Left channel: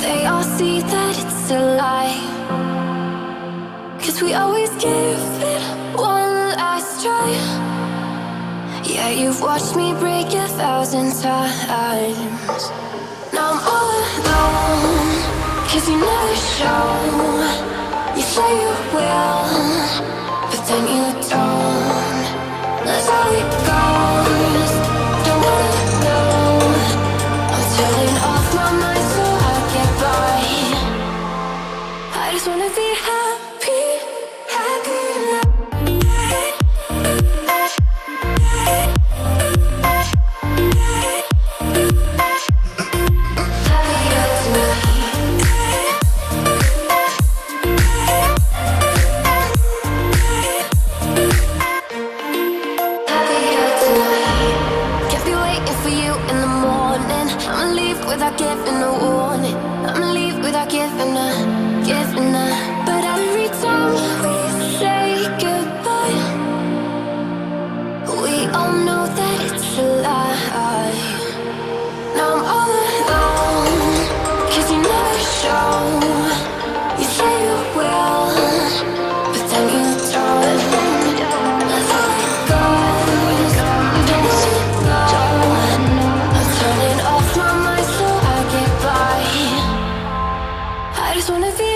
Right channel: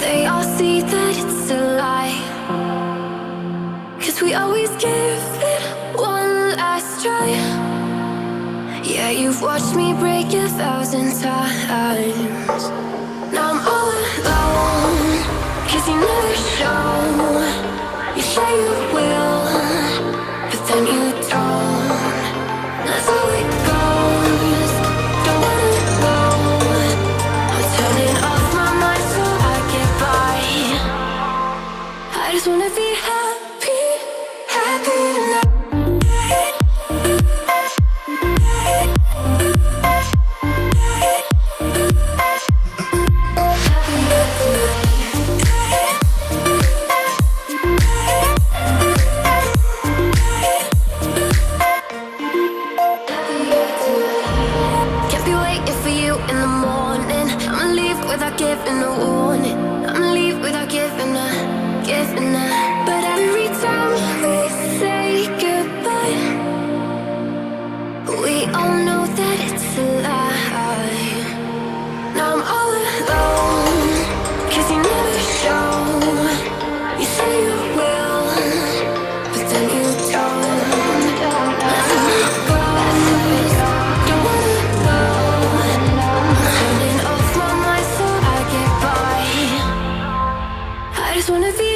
They all see that it's a lie, 'cause we always give it one last try. Yeah, you've watched me break 1,000 times. Now I'm all alone, 'cause you never show. You say you will, but then you don't. That's how it goes. Don't wanna know. I'm turning off my mind so I get by. I just wanna be happy, happy tonight. Without giving a warning, I'ma leave without giving a. But every time we say goodbye, we all know that it's a lie. Now I'm all alone, 'cause you never show. You say you will, but then you don't. That's how it goes. Don't wanna know. I'm turning off my mind so I get by. I just wanna be